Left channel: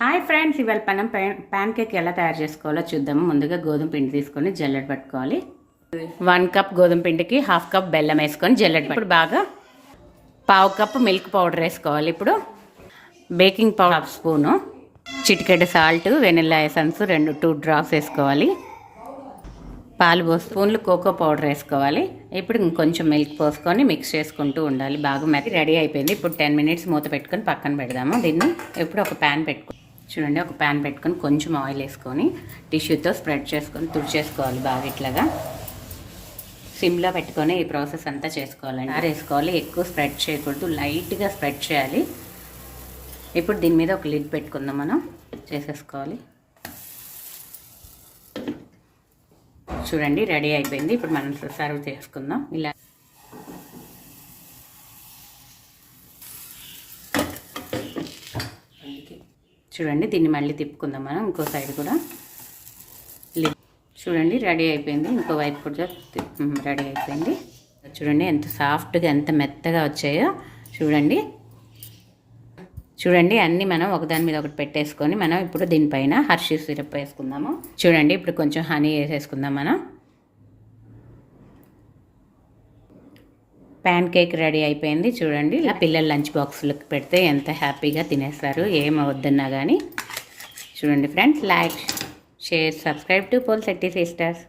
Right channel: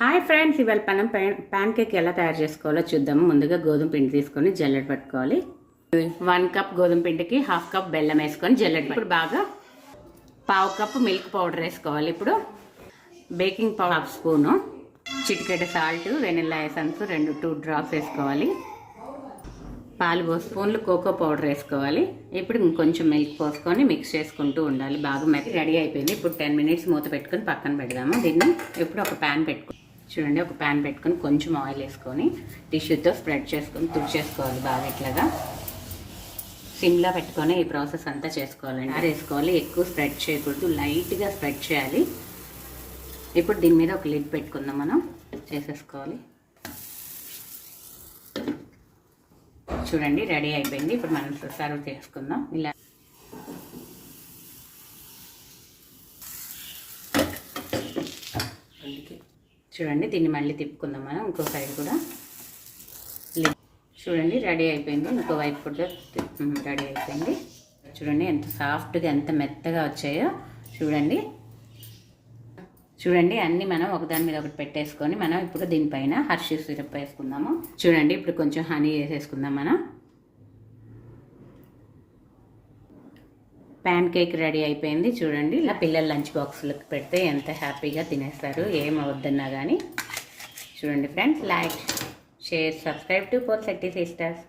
Hi friends, ఇవాళ మనం pan cake ఎలా తయారు చేసుకోవాలో చూద్దాము. ముందుగా గోధుమ పిండి తీసుకొని జల్లెడ పట్టుకోవాలి. 1 కప్ గోధుమ పిండికి 1/2 కప్ బెల్లం వేసుకొని జల్లెడ ఇప్పుడు బాగా 1/2 కప్ మిల్క్ పౌడర్ వేసుకోవాలి. ఇప్పుడు బేకింగ్ పౌడర్ 1 స్పూను, చిటికెడ సాల్ట్, వెనిల్లా ఎసెన్స్ 2 డ్రాప్స్ వేసుకోవాలి. పాలు 2 స్పూన్లు కోకో పౌడర్ వేసుకోవాలి. ఇప్పుడు ఇంకొంచెం మిల్క్ పోసుకొని మిక్స్ చేసుకుంటూ ఉండాలి. బాగా మెత్త రెడీ అయిపోయింది. ఇప్పుడు 10 మినిట్స్ మూత పెట్టుకొని పక్కన పెడదాము. దీన్ని ఇప్పుడు ఒక ప్యాన్ పెట్టుకో చూడండి, ఒక ప్యాన్ పెట్టుకొని కొంచెం ఆయిల్ వేసుకొని టిష్యూతో స్ప్రెడ్ చేసుకొని తుడిచేసుకోవాలి. బాగా ఇట్లాగా సిమ్లో పెట్టుకొని ఈ ప్రాసెస్ అంతా చేసుకోవాలండి. వేసుకోవాలి, ఎక్కువ స్ప్రెడ్ చేయకూడదు, లైట్గా స్ప్రెడ్ చేయాలి. ఇప్పుడు దీని మీద ఒక లిడ్ పెట్టుకుందాం, మనం చేసేసుకోవాలి. చూడండి రెడీ అయిపోయింది. ఇప్పుడు మనం సర్వ్ చేసుకుందాం. ఇలా చూడండి, దీన్ని మళ్ళీ తిప్పుకుందాం మనం. ఇంకో సైడ్ కూడా చూడండి రెడీ అయిపోయింది. ఇంకో వైపు కూడా రెడీ అయిపోయింది. చూడండి ఎంత సాఫ్ట్గా ఎంత మెత్తగా వచ్చాయో చూడండి. చూడండి అన్నీ మనం ఒకదాని మీద ఒకటి పెట్టేసుకొని మనం ఇప్పుడు దీనిపైన హర్షీ సిరప్ వేసుకుందాము. చూడండి ఇప్పుడు కొంచెం హనీ వేసేసుకుందాం. మనం ప్యాన్ కేక్ రెడీ అయిపోయింది. చూడండి ఇలా పిల్లల లంచ్ బాక్స్లకు పెడితే ఎంత హ్యాపీగా తినేస్తారు, ఏం అవద్దన్నా కానీ. చూడండి friends, like, share, subscribe to Polishetty sisters.